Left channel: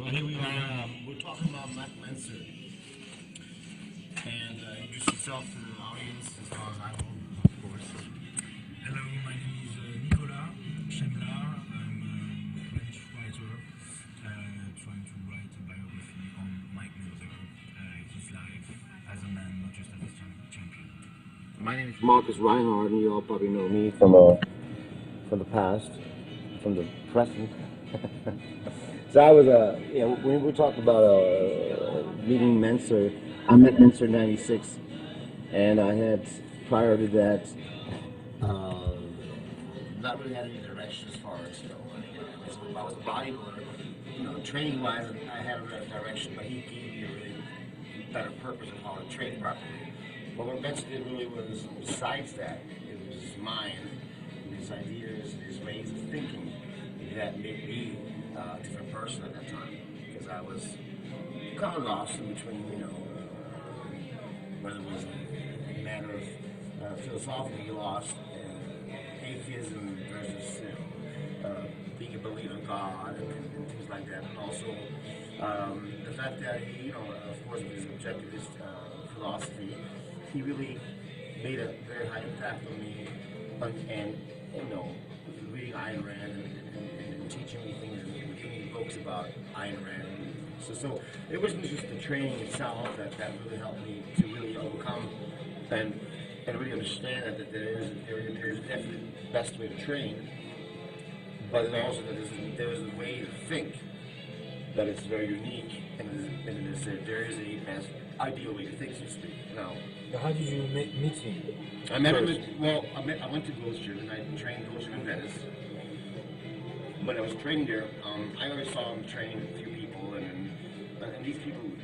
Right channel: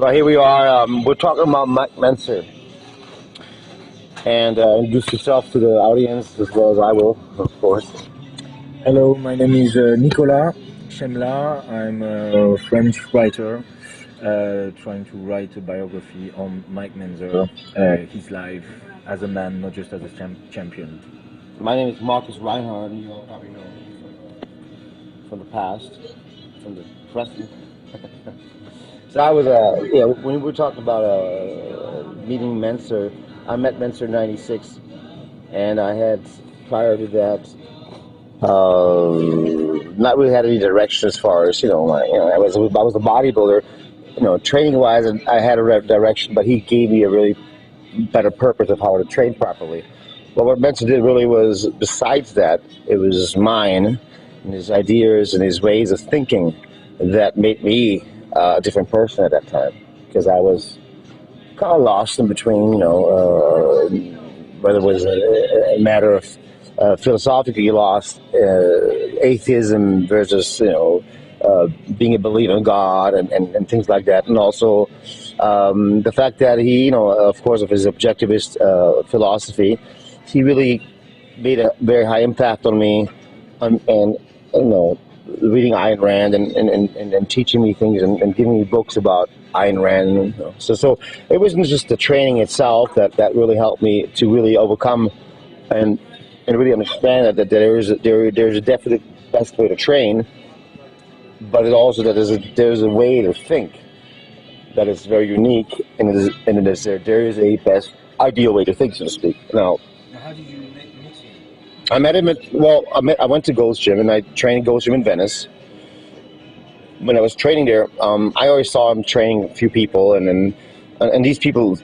Well, here we are. We're talking about Mike Mentzer. And introduce yourself to the audience as well as I will, of course. Hello, my name is Nicolas Chemla. I'm a French writer trying to write a biography on Mike Mentzer, his life as a man, not just as a champion. My name is Markus Reinhardt, and you all probably know me from the past, from the present. So I was, when we were talking about meeting Mentzer, I met Mentzer in '96, and I had, prior to that, not really had any direction as far as, I was a bodybuilder, training-wise, and I had a direction, but he gave me a really better purpose of how to train properly. But what Mentzer did really was, besides that, it was his mind and his ideas and his ways of thinking that made me a different person at that time, because I was kind of lost in between, whether it was a matter of philosophically lost, atheism versus, being a believer in God and things like that, and also the fact that he, of course, of his objectivist philosophy, he really made a very high impact on me, and reading Ayn Rand and teaching me things and giving me books about Ayn Rand. So it wasn't just the training itself that really helped me to really overcome and really understand that there's a definite best way to train, but it also that there's a way to think that is very unique, and there is a best ideal way to think, so to speak. Now, how did you meet him? I met him I went to Gold's Gym, and I trained at Gold's Gym in Venice. When I was training there, I always saw him training a few people, and these people,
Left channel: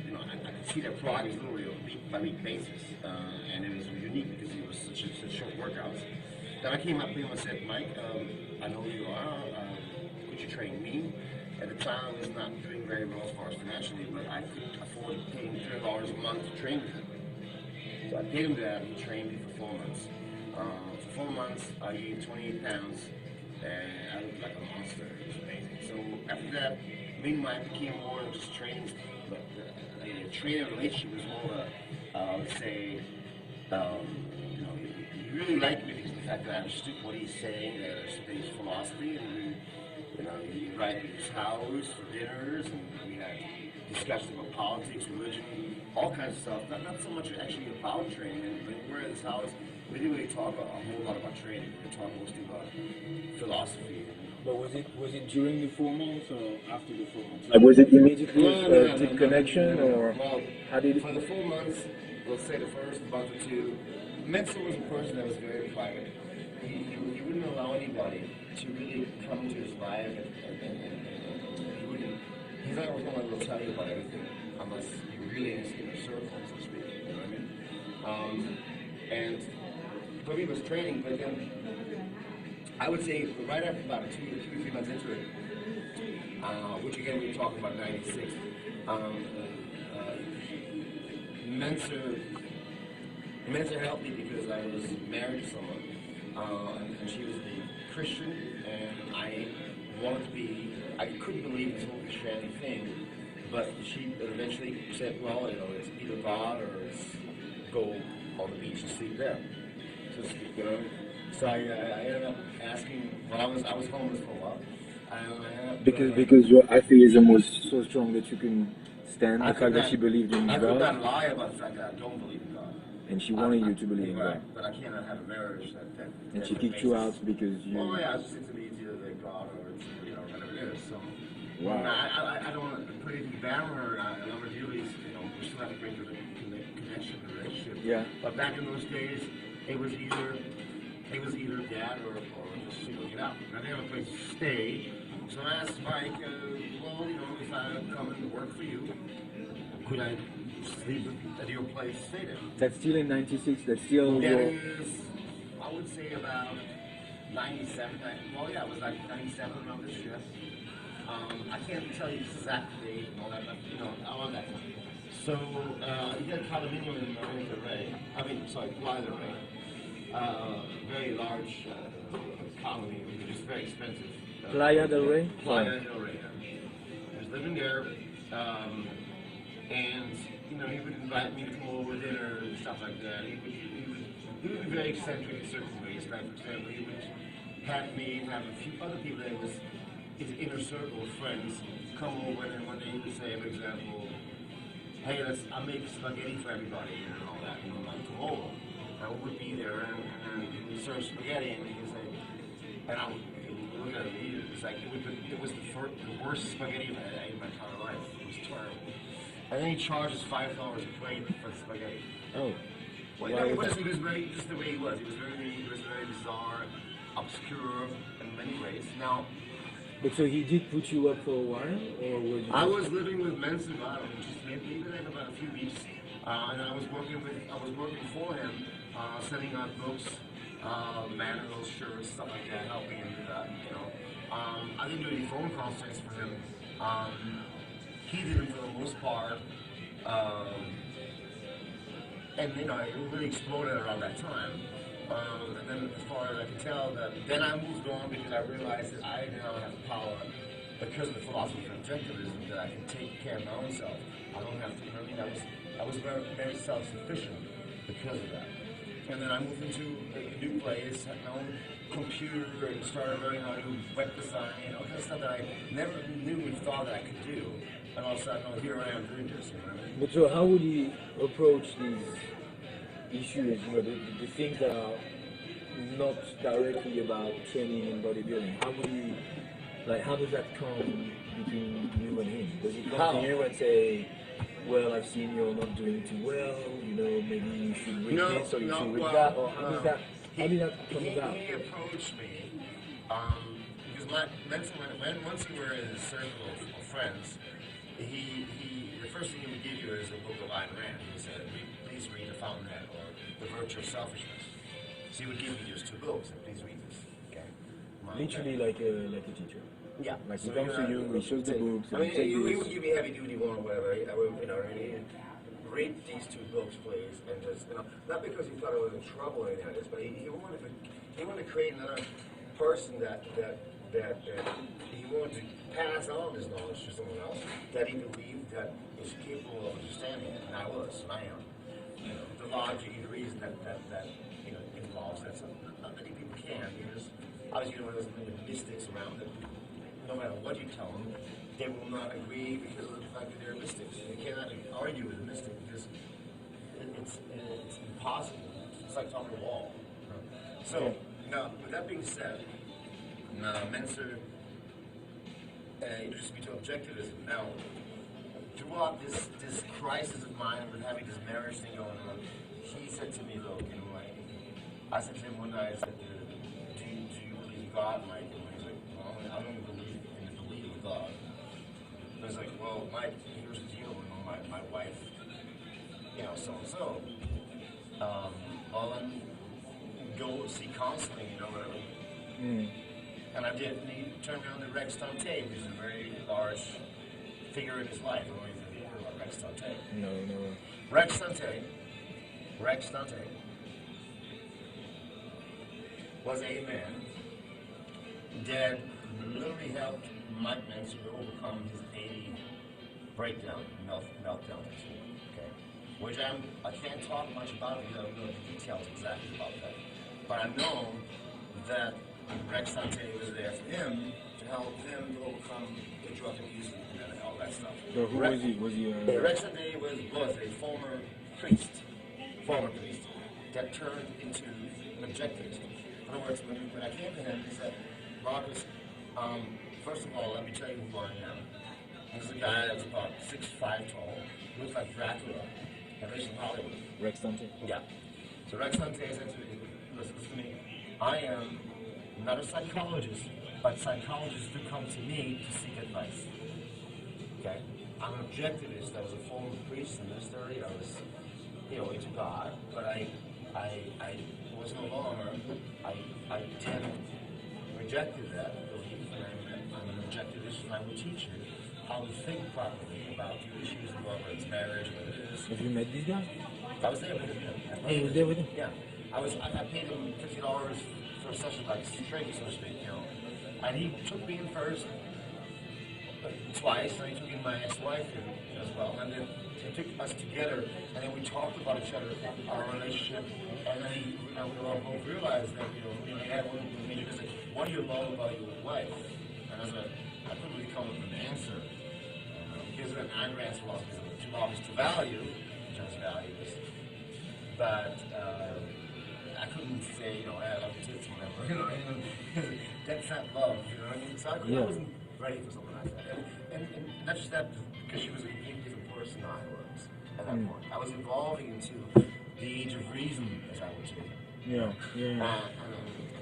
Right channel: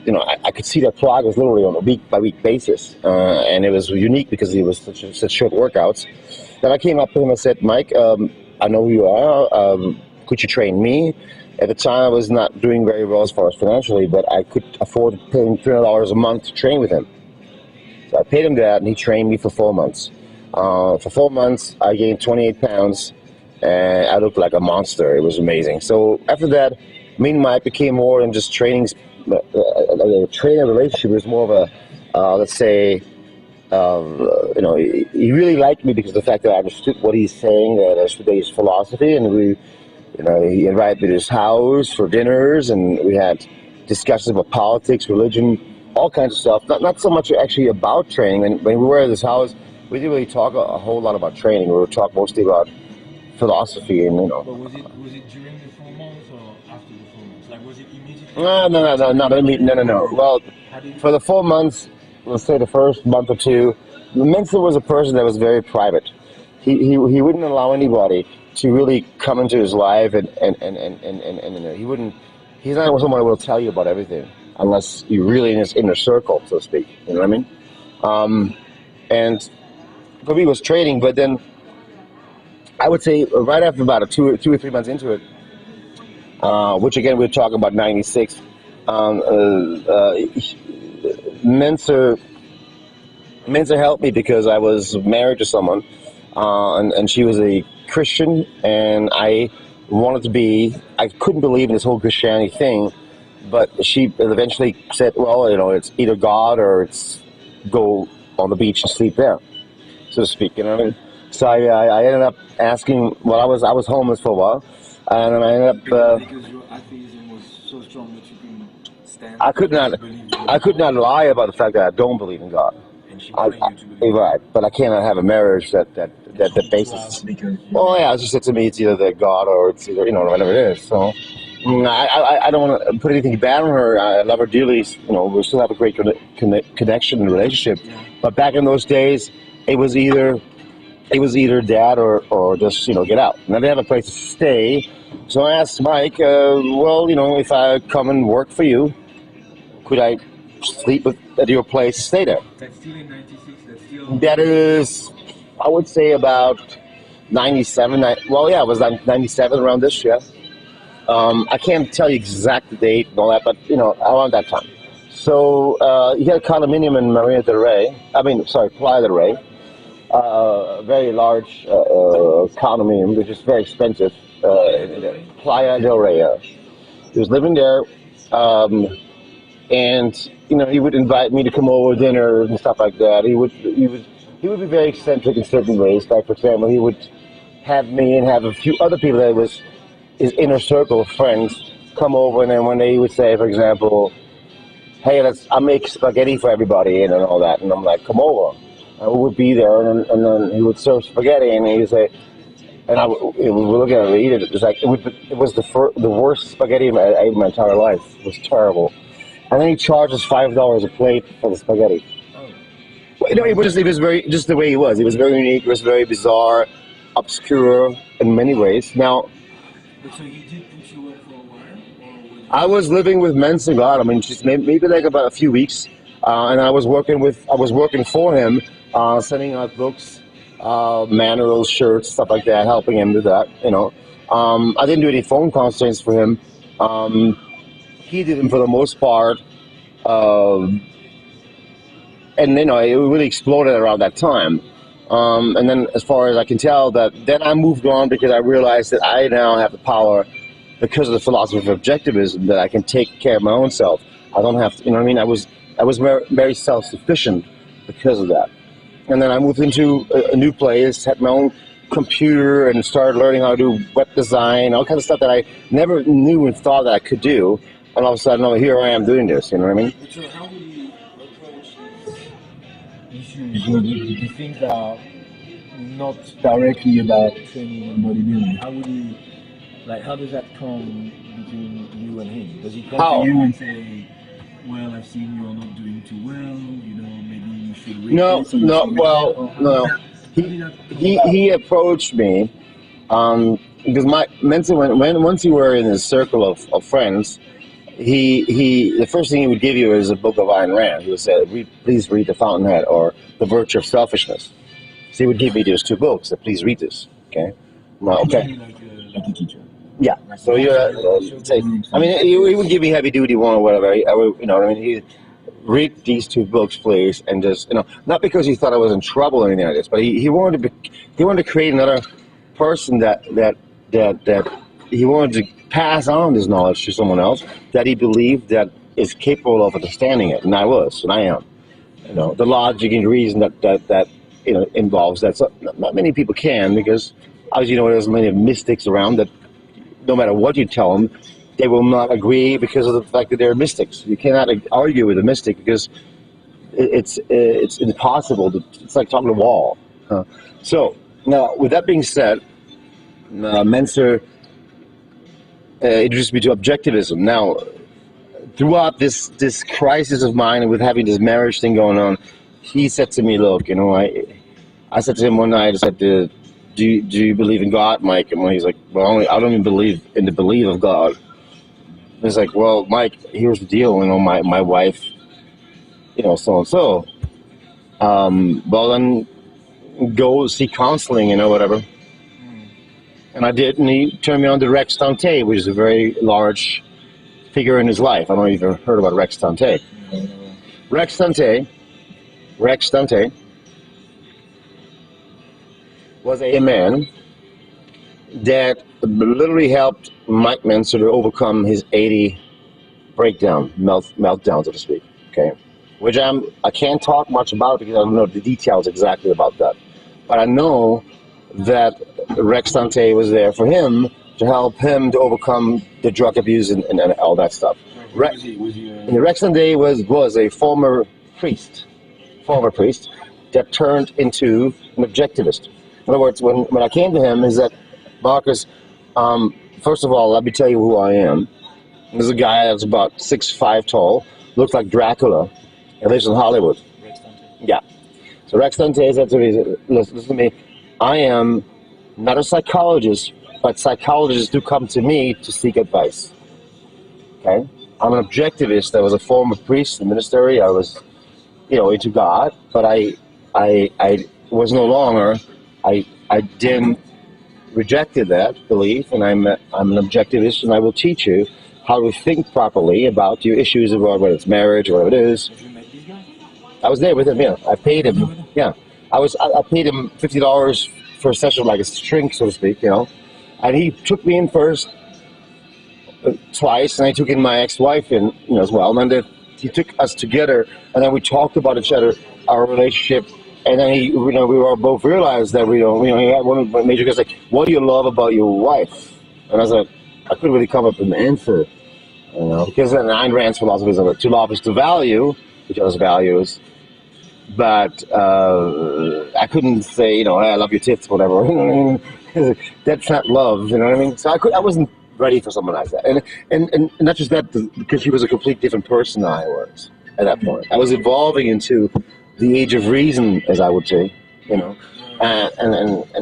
I could see their progress literally on a week-by-week basis, and it was unique because it was such short workouts. Then I came up to him and said, Mike, I know who you are. Could you train me? At the time, I was not doing very well as far as financially, but I could afford paying $300 a month to train with him. So I paid him that, and he trained me for 4 months. For 4 months, I gained 28 pounds, and I looked like a monster. It was amazing. So after that, me and Mike became more than just training. A trainer relationship. It was more of a, let's say, he really liked me because of the fact that I understood what he's saying, that I understood his philosophy, and he invited me to his house for dinners, and we had discussions about politics, religion, all kinds of stuff. Not so much actually about training. When we were at this house, we didn't really talk a whole lot about training. We were talking mostly about philosophy and But was it during the 4 months or after the 4 months? Like, was it immediately? No. Well, for the 4 months, let's say the first month or two, Mentzer was a person that was very private. He wouldn't allow anybody to really come into his life, and he wouldn't. He's not someone who will tell you about everything unless you're really in his inner circle, so to speak. You know what I mean? And for me, it was training, but then I would say right after about 2 or 3 months into it, which again we're talking about '96, Mentzer helped me because I was married to someone, and she was a Christian, and I wanted to be. I couldn't believe in this whole Christianity thing, but she eventually said, "Well, it's either God or it's go on the beach and sleep there," so to speak. You know what I mean? So I ended up asking. Well, I was homeless for a while, and then I ended up because your atheism was so strong that you couldn't stand. I could not lie about the fact that I don't believe in God. And she wanted you to believe. Right, but I cannot have a marriage that basis. Well, yeah, she said to me, it's either that God or it's either whatever it is. So I don't want to put anything bad on her. I love her dearly. We still have a great connection and relationship. Yeah. But back in those days, it was either that or just get out. And I didn't have a place to stay, so I asked Mike, if I come and work for you, could I sleep at your place, stay there? That's still in '96. That is, I would say about 97. It was 97 around this year. I can't tell you exact date and all that, but around that time. So he had a condominium in Playa del Rey. A very large condominium, which is very expensive. Playa del Rey? Playa del Rey, yeah. He was living there, And he would invite me to come over to dinner and stuff like that. He would be very eccentric in certain ways. Like, for example, he would have me and have a few other people that was his inner circle of friends come over, and then when they would say, for example, hey, I'll make spaghetti for everybody and all that, and I'm like, come over. And we would be there, and then he would serve spaghetti, and he would say, and we would look at it and eat it. It was like it was the worst spaghetti I ate in my entire life. It was terrible. And then he charges $5 a plate for the spaghetti. Oh. Well, it was very just the way he was. He was very unique. It was very bizarre, obscure in many ways. Now, but so he did put you up for a while, or was you... I was living with Mentzer. God, I mean, just maybe like about a few weeks, and I was working for him, sending out books, manuals, shirts, stuff like that, helping him do that. I didn't do any phone consultations for him. He did them for the most part, and it really exploded around that time. And then, as far as I can tell, then I moved on because I realized that I now have the power, because of the philosophy of objectivism, that I can take care of my own self. I don't have to, I was very, very self-sufficient because of that. And then I moved into a new place, had my own computer, and started learning how to do web design, all kinds of stuff that I never knew and thought that I could do. And all of a sudden, here I am doing this. You know what I mean? But so, how would you approach these issues? The things that are not directly about training and bodybuilding. How does that come between you and him? Does he come to you and say, well, I've seen you're not doing too well, maybe you should read this? No. He approached me because Mentzer, once you were in his circle of friends, the first thing he would give you is a book of Ayn Rand. He would say, please read The Fountainhead or The Virtue of Selfishness. So he would give me those two books. Please read this. Okay. Well, okay. Like a teacher. Yeah. So he would give me heavy duty one or whatever. He read these two books, please, and just not because he thought I was in trouble or anything like this, but he wanted to create another person that he wanted to pass on this knowledge to someone else that he believed that is capable of understanding it, and I am. The logic and reason that involves that. So not many people can, because obviously there's many mystics around that no matter what you tell them, they will not agree because of the fact that they're mystics. You cannot argue with a mystic because it's impossible. It's like talking to a wall. So now, with that being said, Mentzer introduced me to objectivism. Now, throughout this crisis of mine and with having this marriage thing going on, he said to me, look, I said to him one night, I said, do you believe in God, Mike? And he's like, well, I don't even believe in the belief of God. He's like, well, Mike, here's the deal. My wife, so-and-so. Well, then go seek counseling, whatever. And I did, and he turned me on to Rex Dante, which is a very large figure in his life. I don't know if you've heard about Rex Dante. Rex Dante was a man that literally helped Mike Mentzer to overcome his 80 meltdown, so to speak. Okay, which I can't talk much about because I don't know the details exactly about that. But I know that Rex Dante was there for him to help him to overcome the drug abuse and all that stuff. So was he Rex Dante was a former priest that turned into an objectivist. In other words, when I came to him, is that, Markus, first of all, let me tell you who I am. There's a guy that's about 6'5" tall, looks like Dracula, and lives in Hollywood. Rex Dante? Yeah. So Rex Dante said to me, listen to me, I am not a psychologist, but psychologists do come to me to seek advice. Okay? I'm an objectivist. I was a former priest in the ministry. I was, into God, but I was no longer. I then rejected that belief, and I'm an objectivist, and I will teach you how to think properly about your issues, about whether it's marriage or whatever it is. Have you met this guy? I was there with him. Yeah, I paid him. Yeah, I paid him $50 for a session, like a shrink, so to speak. And he took me in first twice, and I took in my ex-wife in, as well. And then he took us together, and then we talked about each other, our relationship, and then we were both realized that he had one of the major questions like, "What do you love about your wife?" And I was like, I couldn't really come up with an answer, because then Ayn Rand's philosophy is to love is to value each other's values, but I couldn't say, hey, I love your tits, whatever. That's not love, you know what I mean? So I wasn't ready for someone like that, and not just that, because she was a complete different person than I was at that point. I was evolving into the age of reason, as I would say, and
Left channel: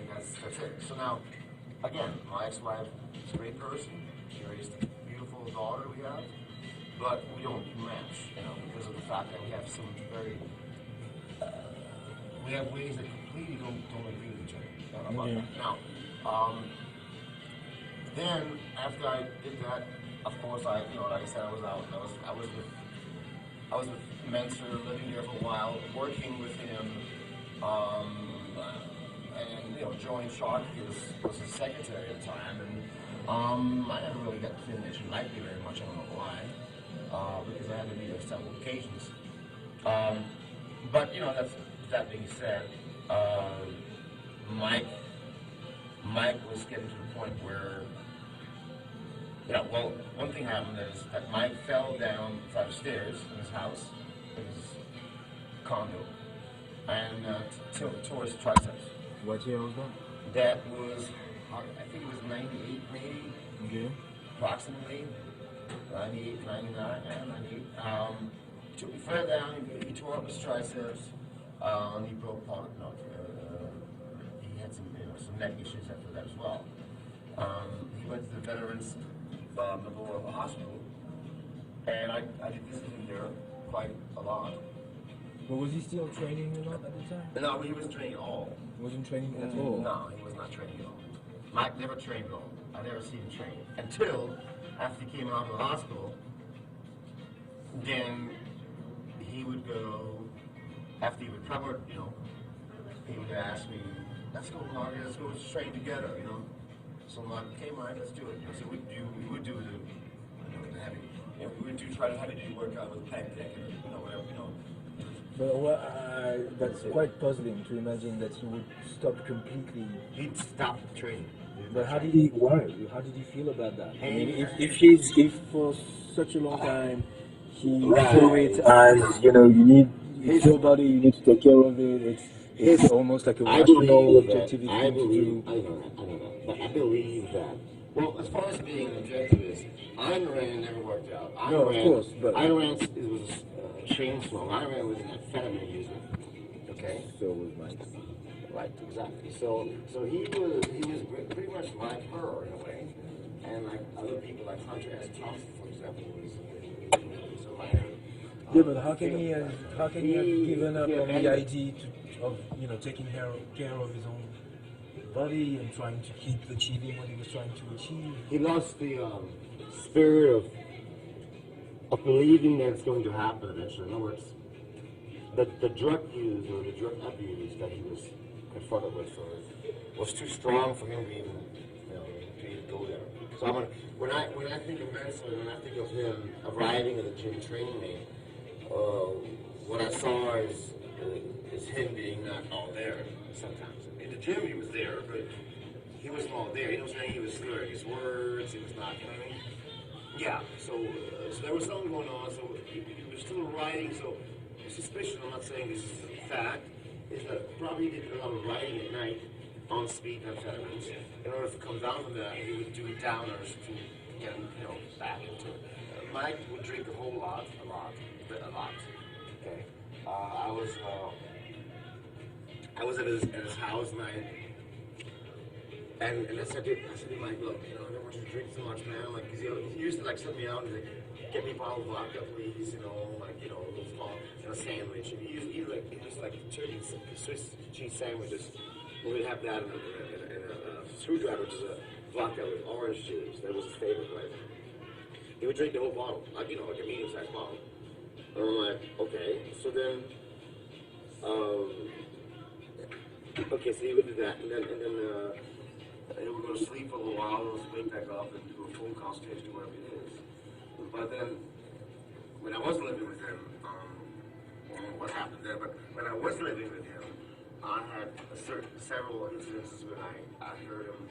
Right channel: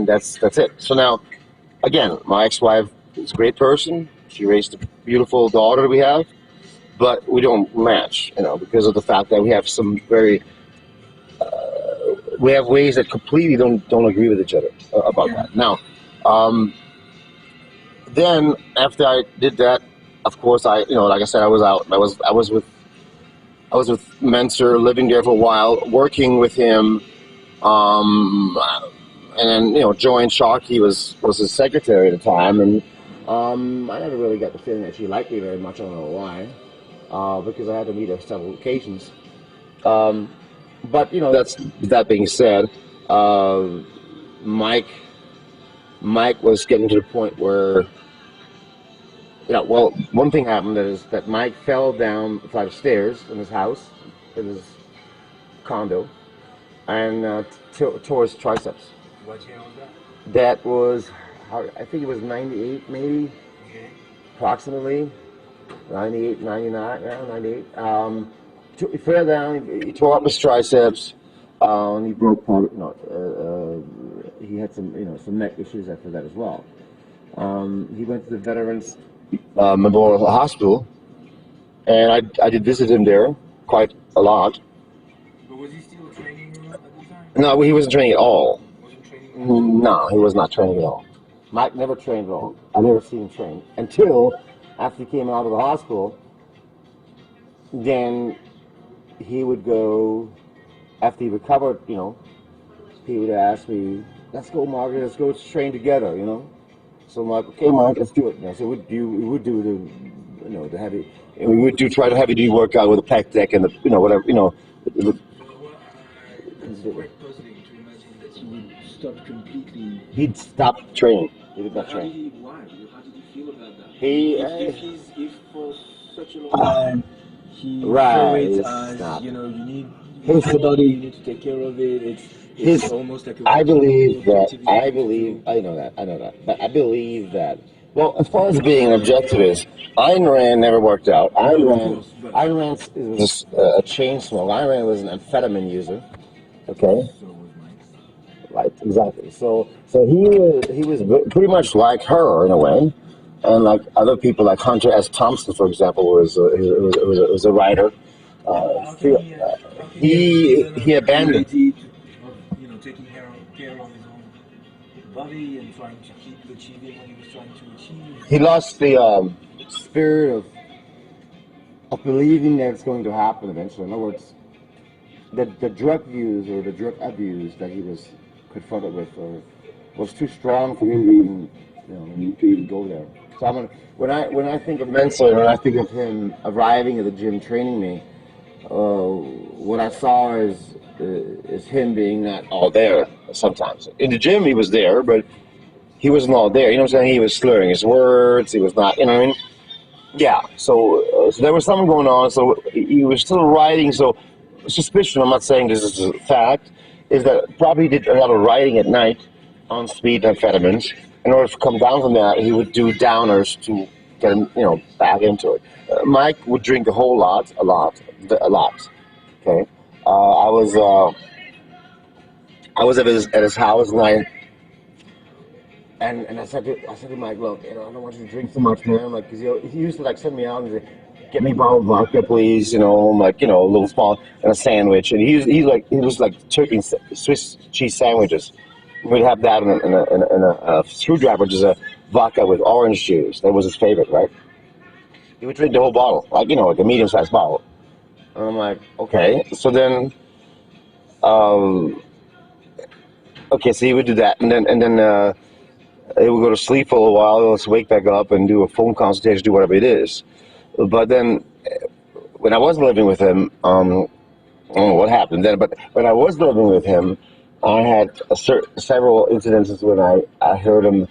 that's it. So now, again, my ex-wife is a great person. She raised a beautiful daughter we have, but we don't match, because of the fact that we have some very we have ways that completely don't agree with each other about that. Now, then after I did that, of course, like I said, I was out. I was with Mentzer, living there for a while, working with him, and then joined Sharkey was his secretary at the time, and I never really got the feeling that she liked me very much. I don't know why, because I had to meet her several occasions. But that being said, Mike was getting to the point where, one thing happened is that Mike fell down a flight of stairs in his house, in his condo, and tore his triceps. What year was that? That was, I think it was 98 maybe, approximately, 98, 99, 98. He fell down, he tore up his triceps, and he broke part. He had some neck issues after that as well. He went to the Veterans Memorial Hospital, and I did visit him there quite a lot. But was he still training at the time? No, he wasn't training at all. Wasn't training at all? No, he was not training at all. Mike never trained at all. I never seen him train until after he came out of the hospital. Then he would go, after he recovered, he would ask me, "Let's go, Markus, let's go train together," So I'm like, "Okay, Mike, let's do it." So we would do the heavy, and we would try to heavy duty workout with a pec deck and whatever, That's quite puzzling to imagine that he would stop completely. He'd stop training. But how did he? Why? How did he feel about that? If for such a long time he Right. saw it as you need your body, you need to take care of it. It's almost like a I believe that. objectivism I know that. But I believe that. Well, as far as being an objectivist, Ayn Rand never worked out. Ayn Rand was a chain smoker. Ayn Rand was an amphetamine user. Okay. So was Mike. Right. Exactly. So he was pretty much like her in a way, and like other people, like Hunter S. Thompson, for example, was a writer. But how can he abandoned. Of taking care of his own body and trying to keep achieving what he was trying to achieve. He lost the spirit of believing that it's going to happen eventually. In other words, the drug use or the drug abuse that he was confronted with was too strong for him to even go there. So when I think of Mentzer, when I think of him arriving at the gym training me, what I saw is him being not all there sometimes. In the gym, he was there, but he wasn't all there. You know what I'm saying? He was slurring his words. He was not, you know what I mean? Yeah. So there was something going on. So he was still writing. So suspicion, I'm not saying this is a fact, is that probably did a lot of writing at night on speed amphetamines. In order to come down from that, he would do downers to get him, back into it. Mike would drink a lot. Okay. I was at his house, and I said to Mike, "Look, I don't want you to drink so much, man. Like, cause he used to send me out and say, get me a bottle of vodka, please. A little small and a sandwich. And he was turkey Swiss cheese sandwiches. We'd have that in a screwdriver, which is a vodka with orange juice. That was his favorite, right? He would drink the whole bottle, like a medium-sized bottle. And I'm like, okay. So then, so he would do that, and then He would go to sleep for a while, let's wake back up and do a phone consultation, do whatever it is. But then, when I was living with him, I don't know what happened then, but when I was living with him, I had several incidences when I heard him.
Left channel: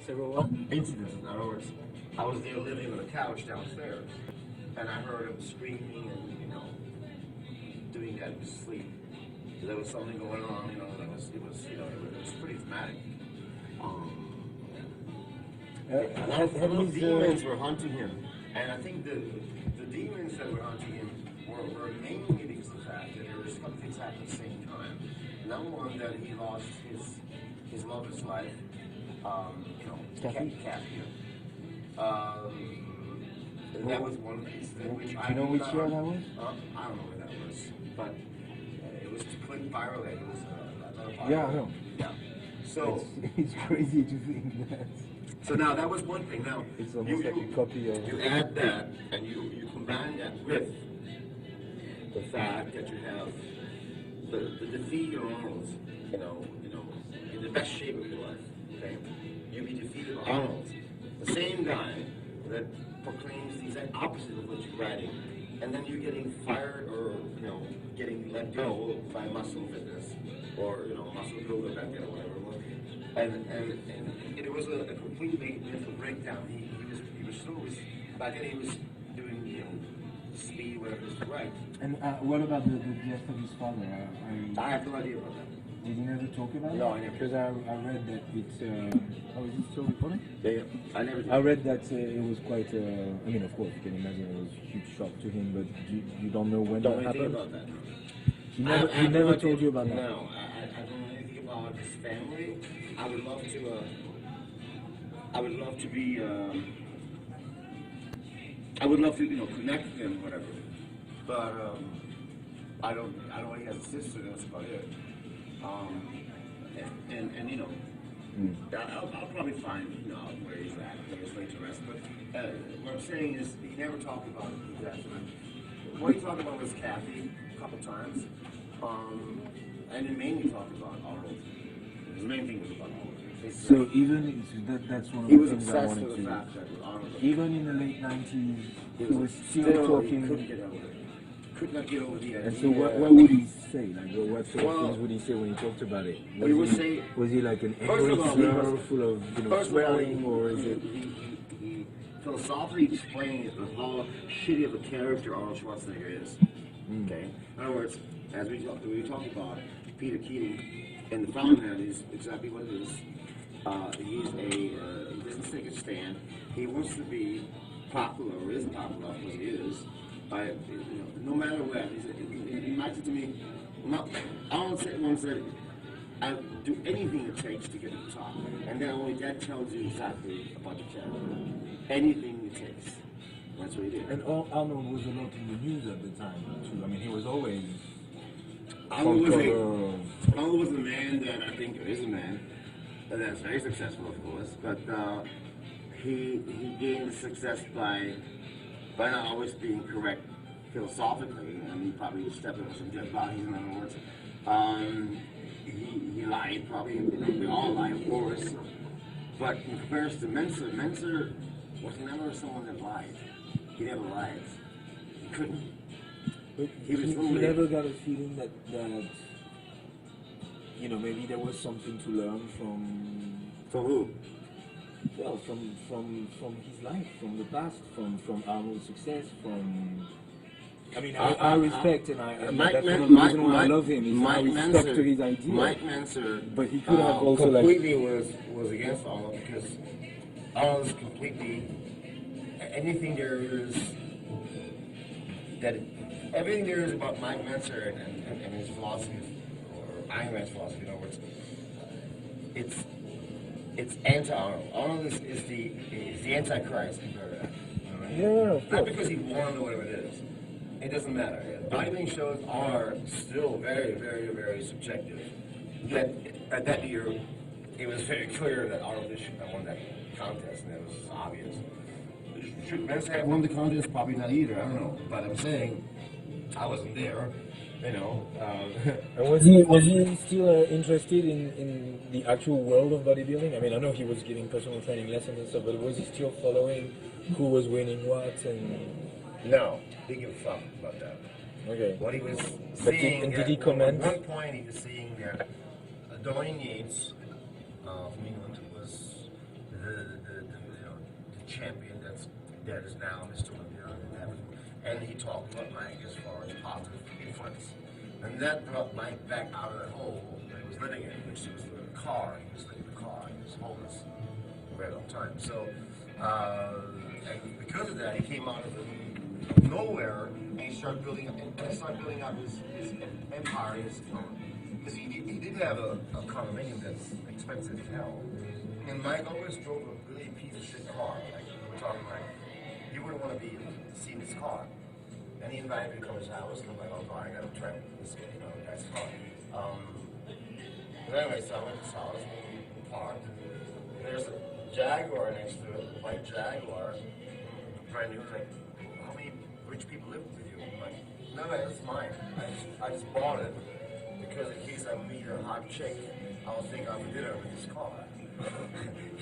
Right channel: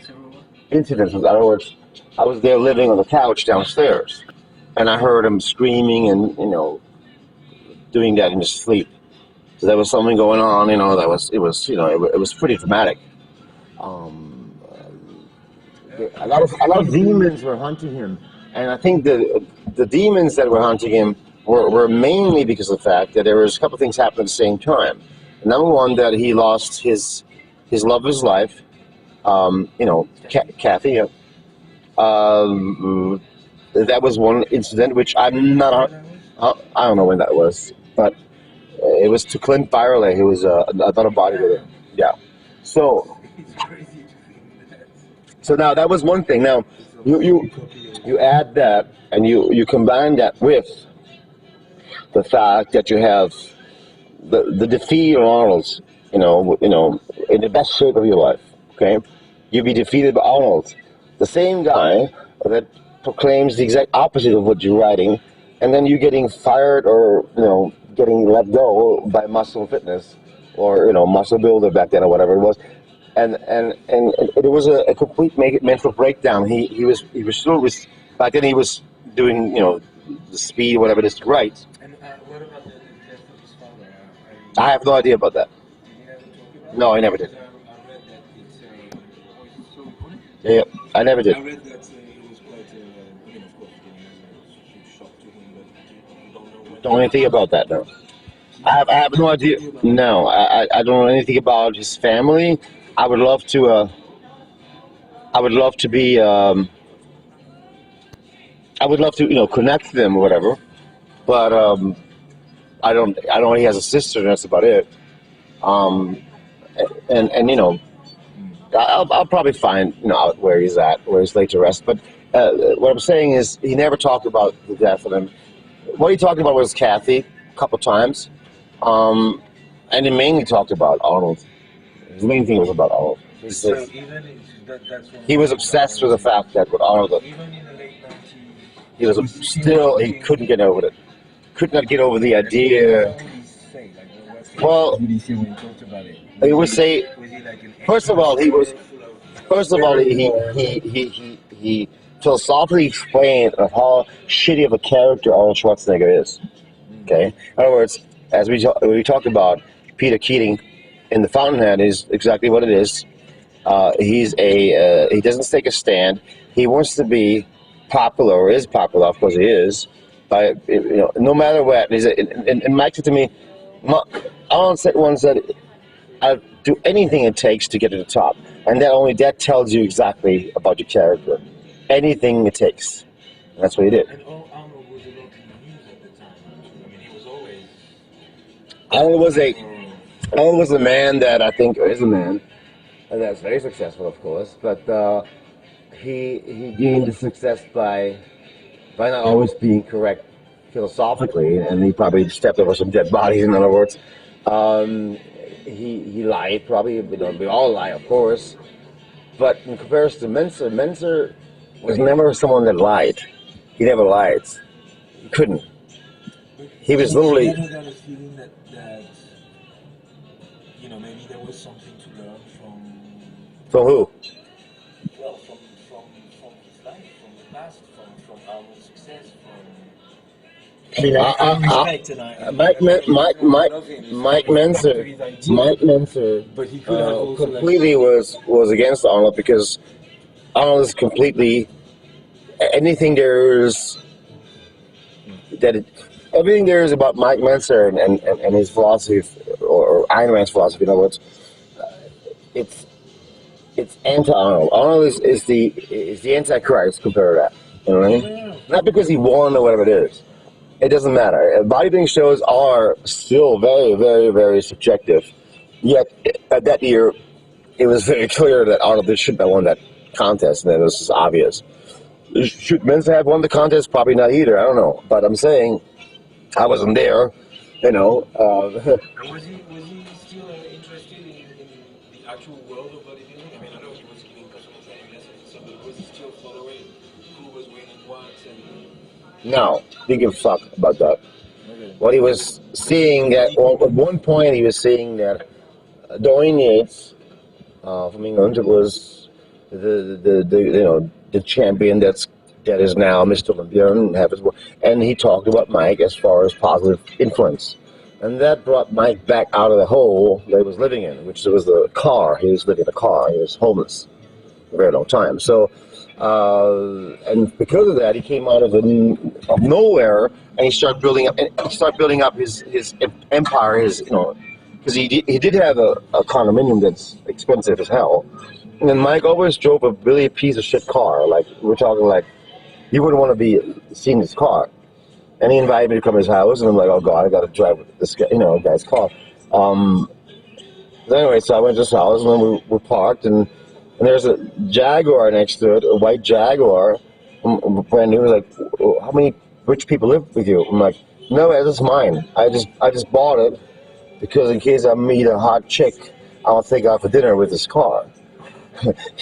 Incidences, in other words, I was there living on the couch downstairs, and I heard him screaming and, doing that in his sleep. So there was something going on, it was pretty dramatic. A lot of demons were hunting him, and I think the demons that were hunting him were mainly because of the fact that there was a couple of things happening at the same time. Number one, that he lost his love of his life, Kathy. That was one incident, which I'm not. I don't know when that was, but it was to Clint Byerley, who was another bodybuilder. Yeah. So it's crazy to think that. So now that was one thing. Now you add that, and you combine that with the fact that you have the defeat of Arnold, in the best shape of your life. Okay, you'll be defeated by Arnold, the same guy that proclaims the exact opposite of what you're writing, and then you getting fired or getting let go by Muscle Fitness or Muscle Builder back then or whatever it was, and it was a complete mental breakdown. He was still back then he was doing the speed whatever it is to write. And what about the death of his father? I have no idea about that. Did you never talk about it? No, I never did. Because I read that it's. Oh, is it still recording? Yeah, I never did. I read that it was quite. I mean, of course, you can imagine it was a huge shock to him, but you don't know when. Don't know anything about that, no. I have no idea. No, I don't know anything about his family. I would love to. I would love to be. I would love to, connect them or whatever, but I don't. I know he has a sister, and that's about it. I'll probably find out where he's at, where he's laid to rest. But what I'm saying is, he never talked about the death of him. What he talked about was Kathy a couple times, and he mainly talked about Arnold. His main thing was about Arnold. So even that's he was obsessed with the fact that with Arnold. Even in the late 90s, he was still he couldn't get over it. Could not get over the idea. What would he say? What would he say when he talked about it? He would say. Was he like an? First of all, he was. First of all, he philosophically explained of how shitty of a character Arnold Schwarzenegger is. Okay. In other words, as we talked about, Peter Keating in The Fountainhead is exactly what it is. He doesn't take a stand. He wants to be popular, or is popular, of course he is. By no matter what. And Mike said to me, Arnold once said, "I'll do anything it takes to get to the top," and that tells you exactly about your character. Anything it takes. And that's what he did. And Arnold was a lot in the news at the time. I mean, he was always. Arnold was a man that I think is a man that's very successful, of course, but he gained the success by not always being correct philosophically, and he probably stepped over some dead bodies. In other words, he lied. Probably, we all lie, of course. But in comparison to Mentzer was never someone that lied. He never lied. He couldn't. He was literally. You never got a feeling that maybe there was something to learn from. From who? Well, from his life, from the past, from Arnold's success, from. I mean, I respect and Mike Mentzer, but he could have also completely was against Arnold, because Arnold is completely anything there is everything there is about Mike Mentzer and his philosophy, or Ayn Rand's philosophy. In other words, it's anti-Arnold. Arnold is the Antichrist compared to that. You know what I mean? Not because he won or whatever it is. It doesn't matter. Bodybuilding shows are still very, very, very subjective. Yet, at that year, it was very clear that Arnold shouldn't have won that contest, and it was obvious. Should Mentzer have won the contest? Probably not either. I don't know. But I'm saying, I wasn't there, you know. And was he still interested in the actual world of bodybuilding? I mean, I know he was giving personal training lessons and stuff, but was he still following who was winning what and? No, didn't give a fuck about that. Okay. What he was seeing at one point, he was seeing that Dorian Yates from England was the champion that is now Mr. Olympia and he talked about Mike as far as positive influence, and that brought Mike back out of the hole that he was living in, which was the car. He was living in a car. He was homeless for a very long time. So. And because of that, he came out of nowhere, and he started building up his empire. Because he did have a condominium that's expensive as hell. And then Mike always drove a really piece of shit car. Like we're talking like you wouldn't want to be seeing this car. And he invited me to come to his house, and I'm like, oh god, I got to drive this guy, guy's car. So anyway, so I went to his house, and then we parked and there's a Jaguar next to it, a white Jaguar, brand new. Like, how many rich people live with you? I'm like, no, it's mine. I just bought it because in case I meet a hot chick, I'll take out for dinner with this car.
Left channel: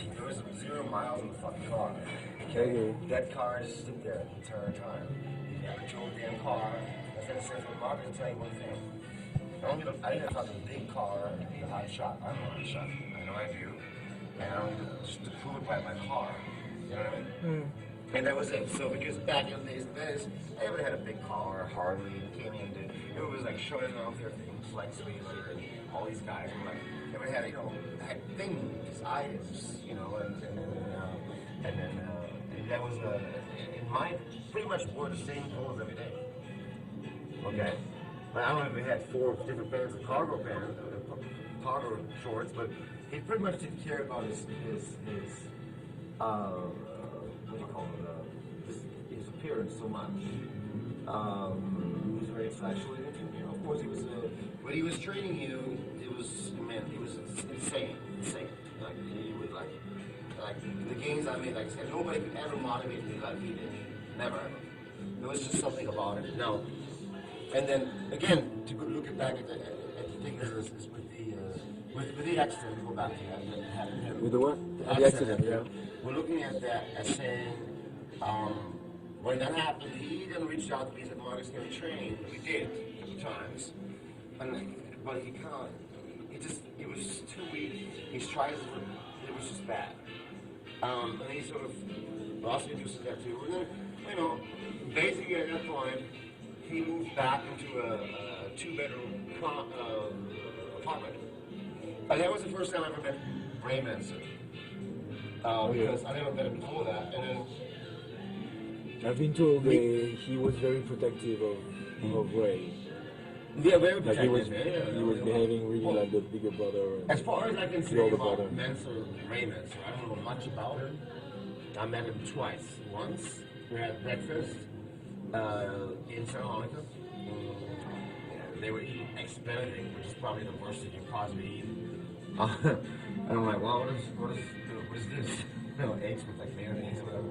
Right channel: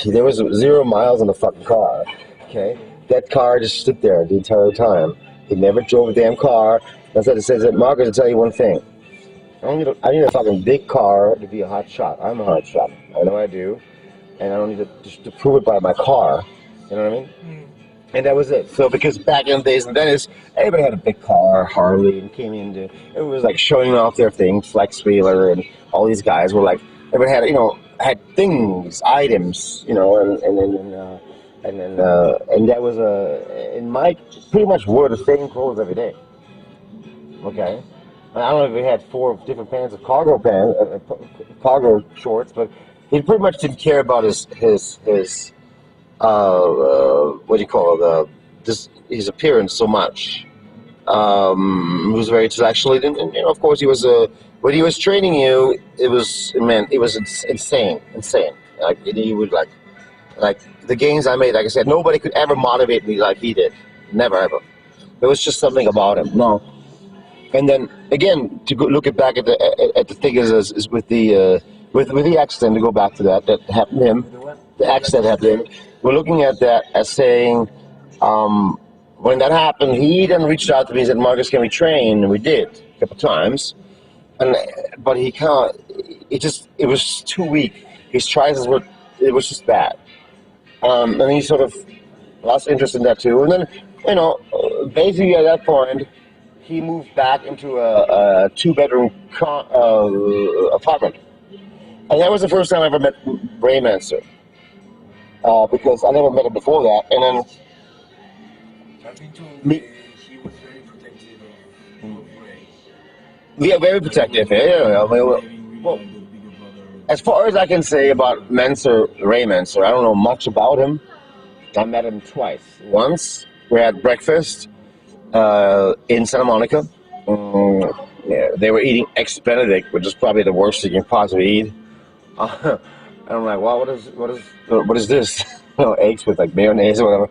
There was 0 miles on the fucking car. Okay, that car just stood there the entire time. He never drove a damn car. That's what it says. Markus, I'll tell you one thing. I need a fucking big car to be a hot shot. I'm a hot shot. I know I do. And I don't need to prove it by my car. You know what I mean? Mm. And that was it. So because back in the days in Venice, everybody had a big car, Harley, and came into it was like showing off their thing, Flex Wheeler, and all these guys were like everybody had things, items, and that was and Mike pretty much wore the same clothes every day. Okay. I don't know if he had 4 different pants of cargo shorts, but he pretty much didn't care about his what do you call it, his appearance so much. He was very sexually, and of course he was when he was training you, it was insane. Like he would like the gains I made. Like I said, nobody could ever motivate me like he did. Never ever. There was just something about him. No. And then again, to look back at the figures is with the accident, to go back to that happened to him, the accident happened to him. We're looking at that as saying, when that happened, he then reached out to me and said, Markus, can we train? And we did a couple times. But he can't, it was too weak. His tries it was just bad. And he sort of lost interest in that too. And then, basically at that point, he moved back into a 2-bedroom apartment. And that was the first time I ever met Ray Mentzer. Because I never met him before that. And then I've been told he was very protective of Ray. Yeah, very protective. As far as I can say about Ray Mentzer, I don't know much about him. I met him twice. Once we had breakfast in Santa Monica. They were eating eggs Benedict, which is probably the worst you can possibly eat. And I'm like, wow, what is this? Eggs with like mayonnaise or whatever.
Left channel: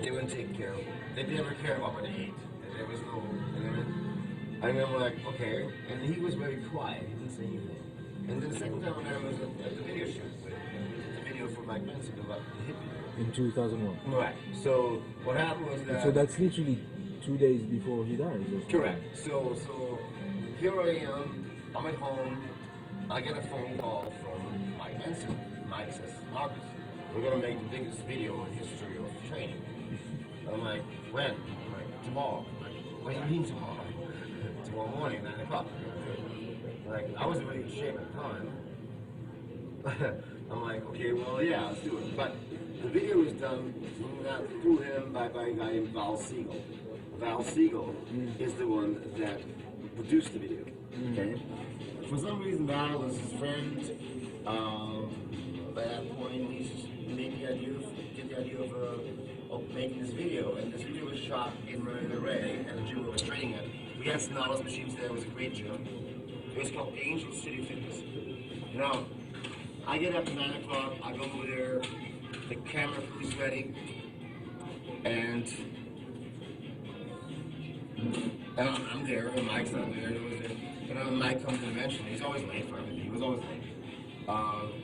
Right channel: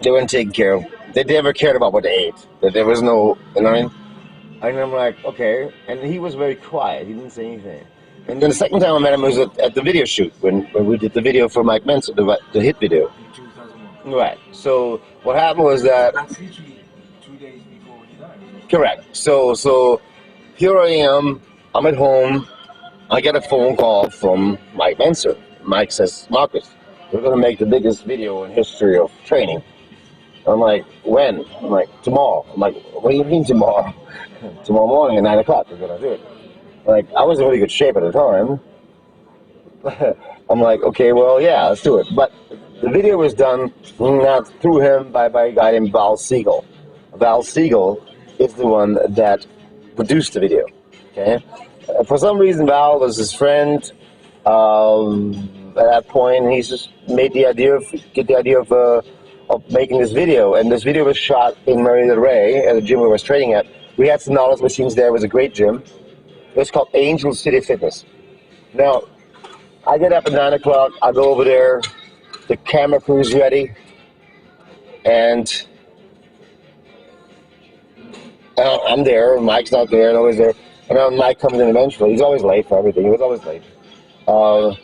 They weren't taken care of. They never cared about what they ate. There was no, you know what I mean? And I'm like, okay. And he was very quiet. He didn't say anything. And then the second time I met him was at the video shoot when we did the video for Mike Mentzer, the hit video. In 2001. Right. So what happened was that. So that's literally 2 days before he died. Correct. So here I am. I'm at home. I get a phone call from Mike Mentzer. Mike says, Markus, we're going to make the biggest video in history of training. I'm like, when? I'm like, tomorrow. I'm like, what do you mean tomorrow? Tomorrow morning at 9 o'clock, we're going to do it. Like, I was in really good shape at the time. I'm like, okay, well, yeah, let's do it. But the video was done not through him, by a guy named Val Siegel. Val Siegel is the one that produced the video, okay? For some reason, Val was his friend at that point, and he just made the idea of making this video. And this video was shot in Marina del Rey at the gym we was training at. We had some knowledge machines there. It was a great gym. It was called Angel City Fitness. Now, I get up at 9 o'clock. I go over there. The camera crew's ready. And I'm there, Mike's not there, nobody's there. And then Mike comes in eventually. He's always late for everything. He was always late. And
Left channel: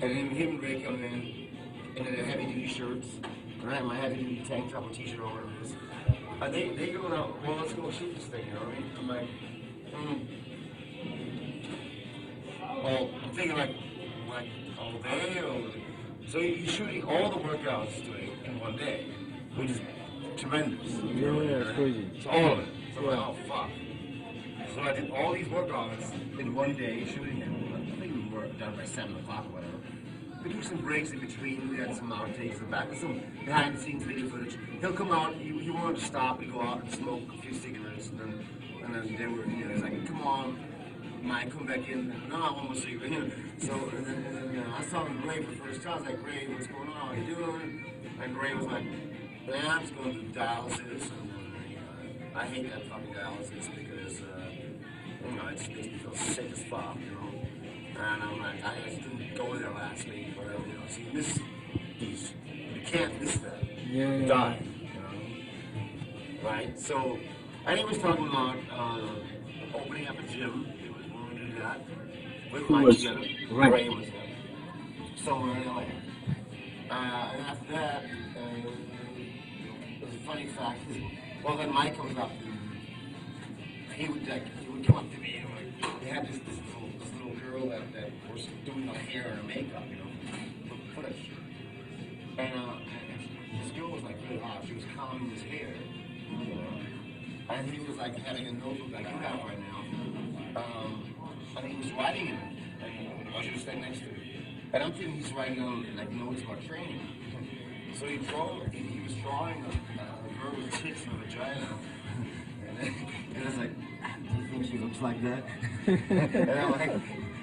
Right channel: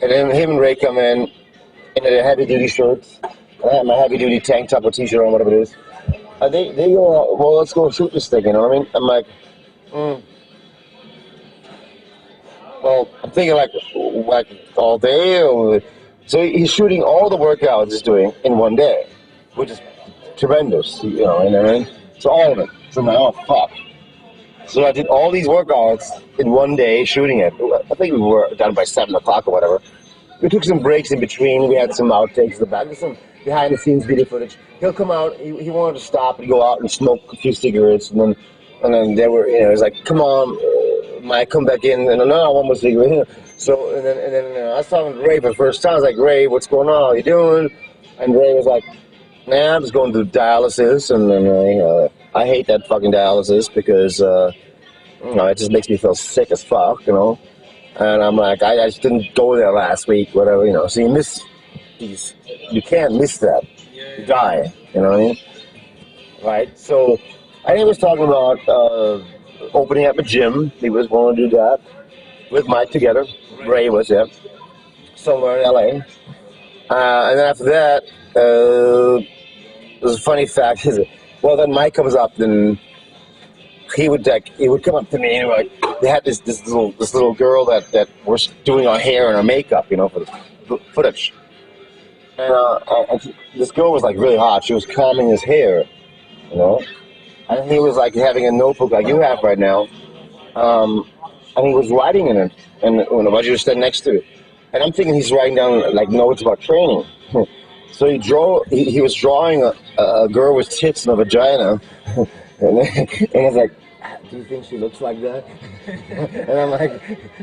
then him and Ray come in their heavy-duty shirts. And I have my heavy-duty tank top or t-shirt on, whatever it is. And they go, well, let's go shoot this thing, you know what I mean? I'm like, well, I'm thinking like all day. So he's shooting all the workouts he's doing in one day, which is tremendous, you know, and so all of it. So I'm like, oh, fuck. So I did all these workouts in one day, shooting it. I think we were done by 7 o'clock or whatever. We took some breaks in between. We had some outtakes in the back. There's some behind-the-scenes video footage. He'll come out. He wanted to stop and go out and smoke a few cigarettes, and then they were, you know, he's like, "Come on, Mike, come back in." And no, I want more cigarette. So and then I was talking to Ray for the first time. I was like, "Ray, what's going on? How you doing?" And Ray was like, "Man, I'm just going through dialysis, and I hate that fucking dialysis because you know, it just makes me feel sick as fuck, you know." And I'm like, I just didn't go there last week, whatever, you know. So you miss these, you can't miss that. You die, you know what I mean? Right? So, and he was talking about opening up a gym. He was going to do that with Mike together. Right. Ray was, yeah. Somewhere in LA. And then after that, there's a funny fact. Well, then Mike comes up, and he would come up to me and like, they had this little girl that was doing our hair and our makeup, you know, for the footage. And this girl was like really hot. She was combing his hair, you know, and he was like having a notebook like you have right now, and he was writing in it, and when I was standing next to it, and I'm thinking he's writing down like notes about training. So he was drawing a girl with tits and a vagina. And I was like, "Do you think she looks like that?" And I'm like,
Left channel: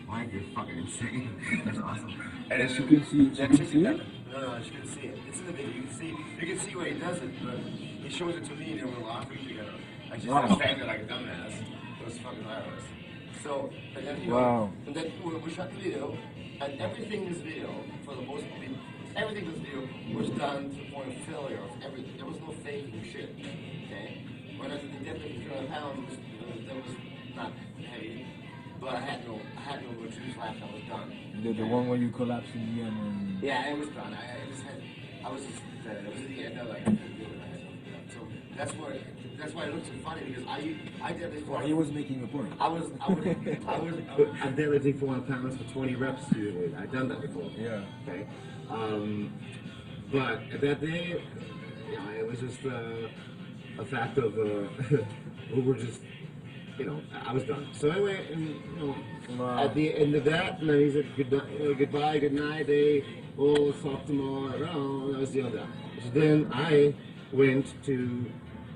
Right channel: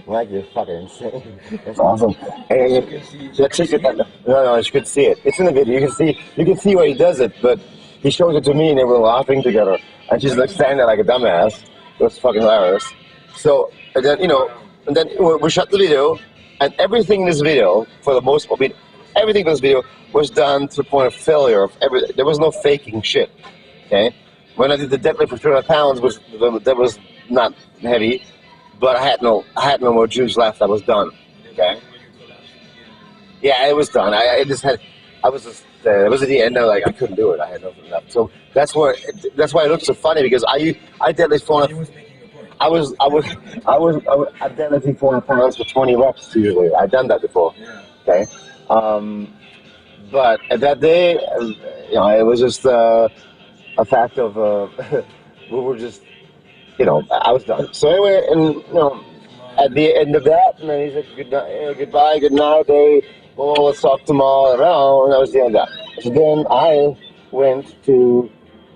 "Mike, you're fucking insane. That's awesome." And then no, she could see it. It's in the video. You can see where he does it, but he shows it to me, and they were laughing together. And she's like standing there like a dumbass. It was fucking hilarious. So and then and then we shot the video, and everything in this video, for the most part, everything in this video was done to the point of failure. There was no faking shit. Okay. When I did the deadlift for 300 pounds, that was not heavy, but I had no more juice left. I was done. Okay. The one where you collapsed in the end. Yeah, it was done. It was at the end. Like I couldn't do it. I had nothing left. So that's why it looked so funny, because I deadlift 400. He was making a point. I deadlifting 400 pounds for 20 reps usually. I've done that before. Yeah. Okay. But at that day, you know, it was just. A fact of we were just, you know, I was done. So anyway, and you know, at the end of that, and then he said goodbye, good night. Let's talk tomorrow. And that was the end of that. So then I went to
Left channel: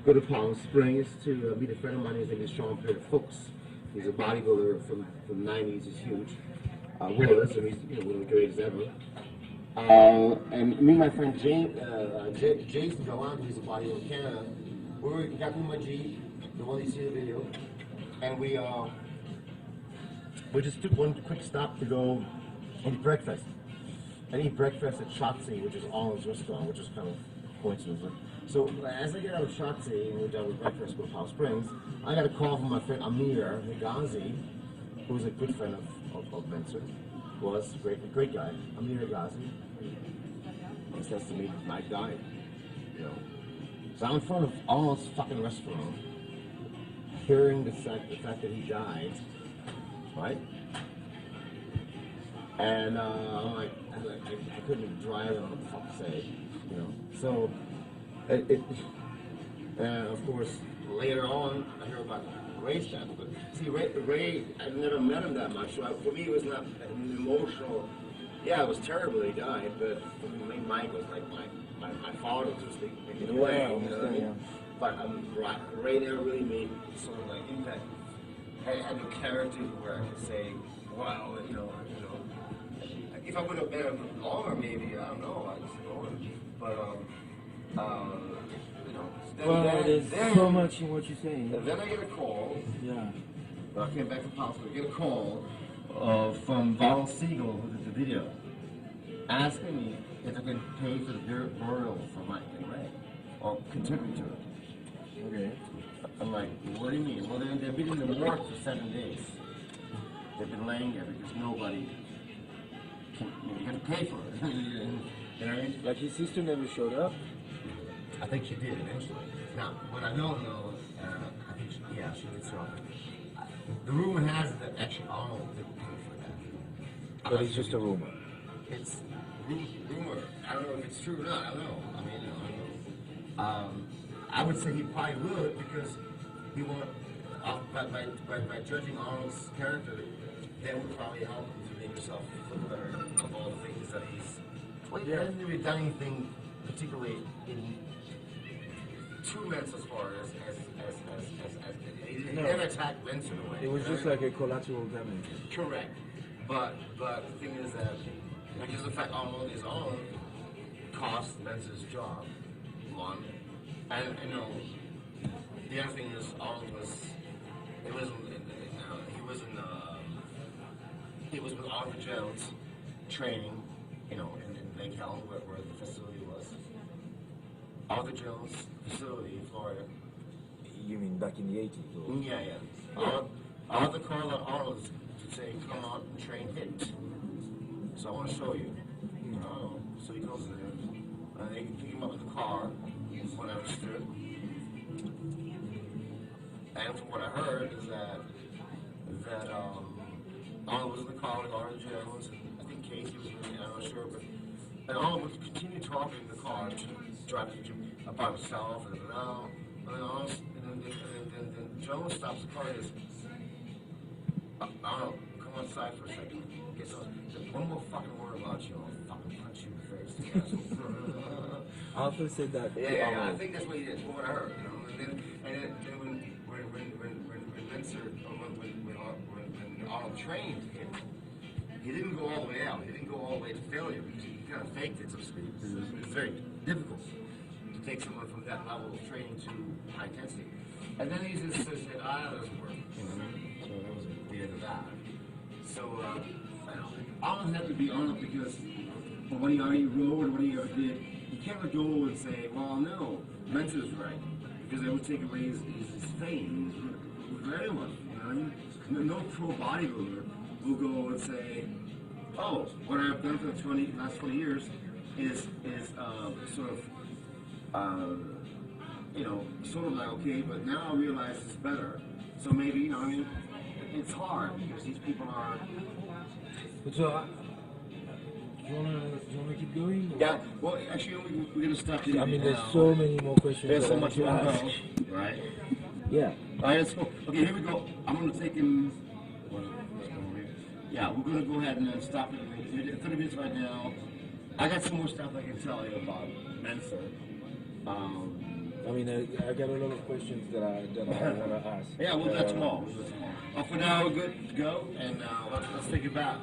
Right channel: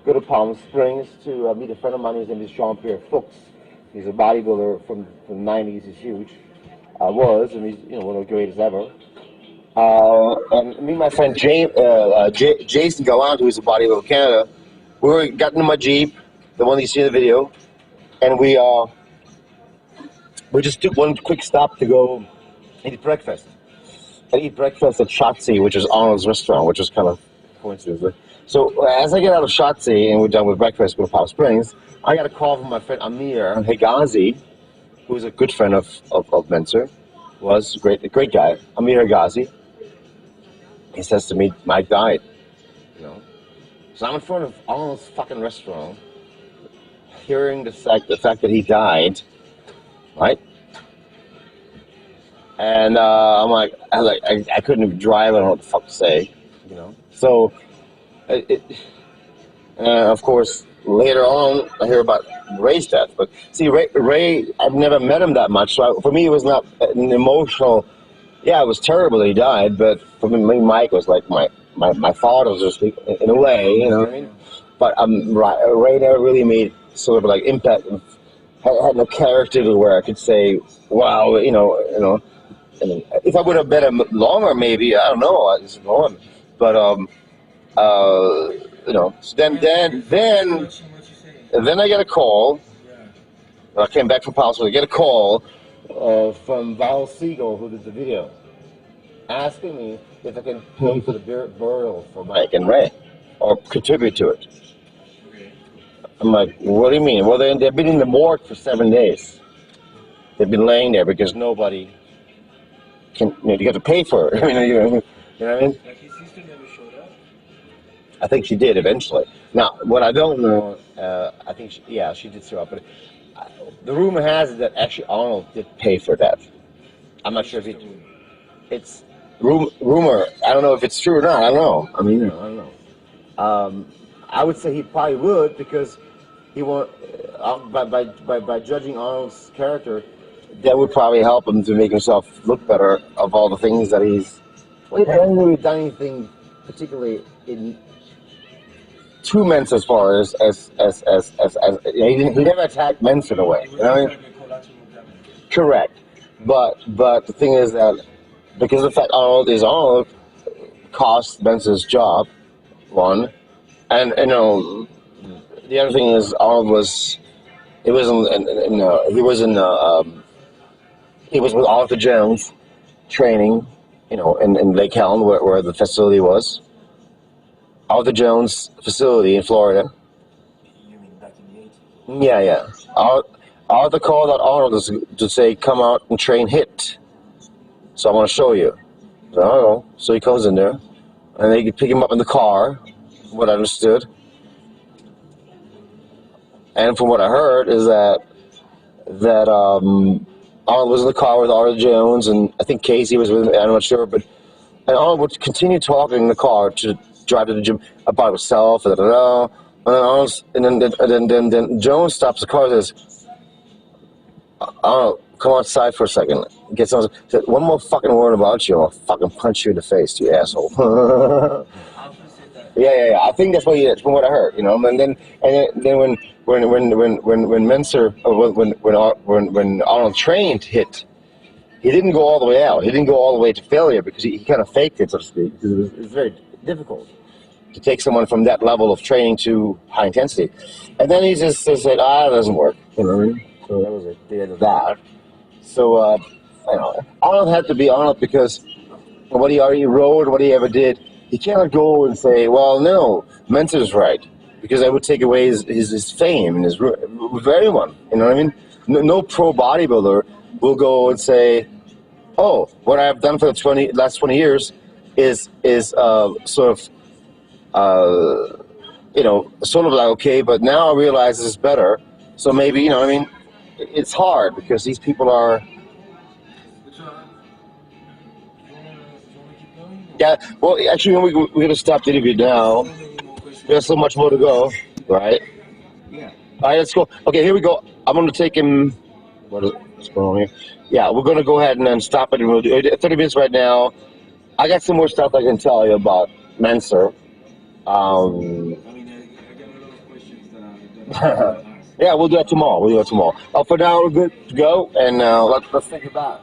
go to Palm Springs to meet a friend of mine. His name is Jean-Pierre Fuchs. He's a bodybuilder from the '90s. He's huge. And he's, you know, one of the greatest ever. And me and my friend Jason Gallant, who's a bodybuilder in Canada. We got into my Jeep, the one you see in the video, and we just took one quick stop to go eat breakfast. I eat breakfast at Shotzi, which is Arnold's restaurant, which is kind of coincidence. So as I get out of Shotzi and we're done with breakfast, go to Palm Springs, I got a call from my friend Amir Hegazi, who's a good friend of Mentzer, was a great guy, Amir Hegazi. He says to me, "Mike died." You know. So I'm in front of Arnold's fucking restaurant, hearing the fact that he died, right? And I couldn't even drive. I don't know what the fuck to say, you know. So, of course, later on I hear about Ray's death. But see, Ray, I've never met him that much, so for me it was not an emotional. Yeah, it was terrible that he died, but for me, Mike was like my father, was just in a way, you know what I mean? But Ray never really made sort of like impact. Had no character to where I could say, wow, you know. I mean, if I would have met him longer, maybe, I don't know. I just know him. But you know. So then I get a call. Yeah. I came back from Palm Springs. I get a call from Val Siegel, who did the video, asking me if I can pay for the burial for Mike and Ray, or contribute to it. I'm like, what do you mean? Well, they've been in the morgue for 7 days. They've been laying there because nobody can, you have to pay for it. You know what I mean? Like his sister never showed up? I think she did eventually. Now, what I don't know, I think, she did show up, but the rumor has it that actually Arnold did pay for that. I'm not sure if it's rumor. It's rumor. I don't know if it's true or not. I don't know. I mean, I don't know. I would say he probably would because he won't. By judging Arnold's character, that would probably help him to make himself look better of all the things that he's. Well, he hasn't really done anything particularly to Mentzer as far as he never attacked Mentzer in a way. It was like a collateral damage. Correct, but the thing is that because of the fact Arnold cost Mentzer's job, one, and the other thing is Arnold was he was with Arthur Jones training, in Lake Helen where the facility was. Arthur Jones facility in Florida. You mean back in the 80s? Yeah. Arthur called out Arnold to say, come out and train hit. So I want to show you. So he comes in there, and they pick him up in the car, what I understood. And from what I heard is that Arnold was in the car with Arthur Jones, and I think Casey was with him, I'm not sure, and Arnold would continue talking in the car to drive to the gym about himself, and then Jones stops the car and says, Arnold, come outside for a second. Gets on, said, one more fucking word about you, I'll fucking punch you in the face, you asshole. Arthur said that. Yeah. I think that's what from what I heard, And then when Mentzer, when Arnold trained hit, he didn't go all the way out. He didn't go all the way to failure because he kind of faked it, so to speak. Because it was very difficult to take someone from that level of training to high intensity. And then he just said, it doesn't work. You know what I mean? So that was the end of that. So, Arnold had to be Arnold because what he already wrote, what he ever did, he cannot go and say, well, no, Mentzer's right. Because that would take away his fame and with everyone. You know what I mean? No pro bodybuilder will go and say, oh, what I've done for the last 20 years is sort of like, okay, but now I realize this is better. So maybe, you know what I mean? It's hard because these people are... So, you want to keep going? Yeah, well, actually, we're going to stop the interview now. So many more questions. There's so much more to go, right? Yeah. All right, let's go. Okay, here we go. I'm going to take him... What's going on here? Yeah, we're going to go ahead and then stop it. And we'll do 30 minutes right now. I got some more stuff I can tell you about Mentzer. I mean, I got a lot of questions that I ask. Yeah, we'll do that tomorrow. For now, we're good to go, and let's think about it.